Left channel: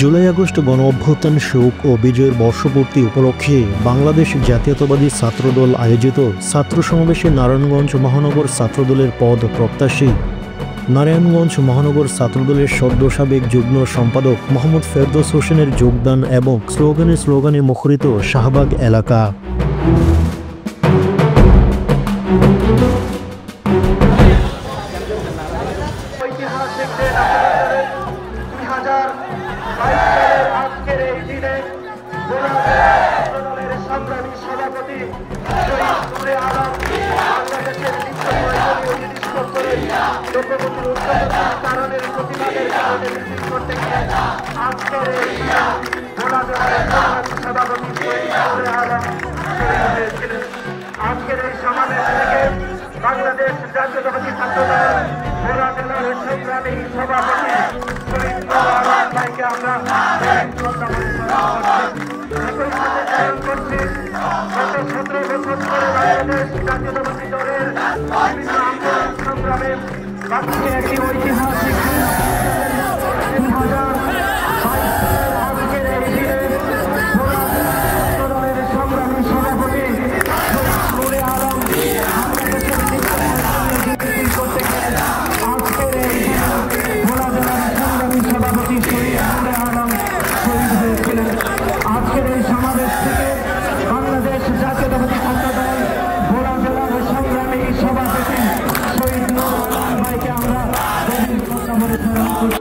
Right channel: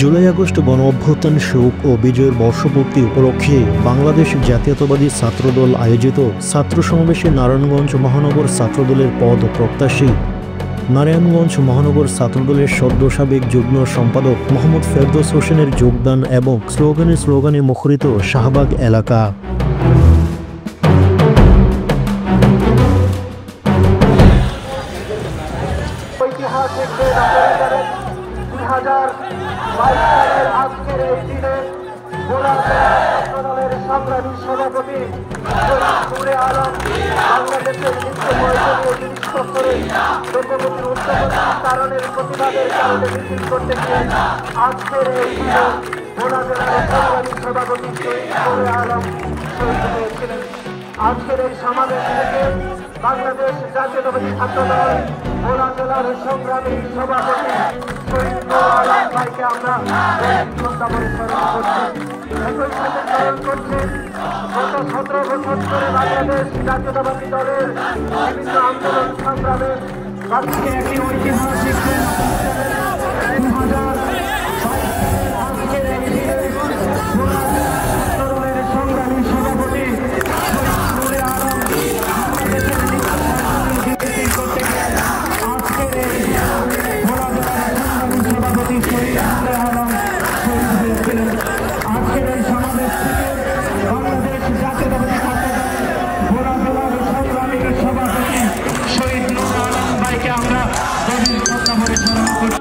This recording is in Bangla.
জুলাই আগস্ট গণ অভ্যুত্থান শোক ও বিজয়ের বর্ষপূর্তি উপলক্ষে বাংলাদেশ জাতীয়তাবাদী ছাত্রদল আয়োজিত ছাত্র সমাবেশে নারায়ণগঞ্জ মহানগর ছাত্রদলের পদ প্রত্যাশী নারায়ণগঞ্জ মহানগর ছাত্রদলের সদ্য সাবেক যুগ্ম সম্পাদক মোহাম্মদ ফেরদৌস হোসেনের যোগদান এবং স্লোগানে মুখরিত শাহবাগ এলাকা। আজকের এই দিনে সংগ্রামী সভাপতি নূরে আলম বাংলাদেশের লোকমুখীর উচ্চপন্থী কারণের প্রতিবাদের কারণে মিছিল করতে গিয়ে আজকের এই দিনে ভোলা জেলার সংগ্রামী সভাপতি নূরে আলম হয়েছিলেন। আজকের এই সমাবেশ থেকে বাংলাদেশ জাতীয়তাবাদী ছাত্রদল ভোলা জেলার সংগ্রামী সভাপতি শহীদ নূর আলম ভাইকে আমরা শ্রদ্ধা করে স্মরণ করছি। একই সাথে স্মরণ করছি গত 17 বছর ধরে বাংলাদেশ জাতীয়তাবাদী দলের বিভিন্ন আন্দোলন সংগ্রামে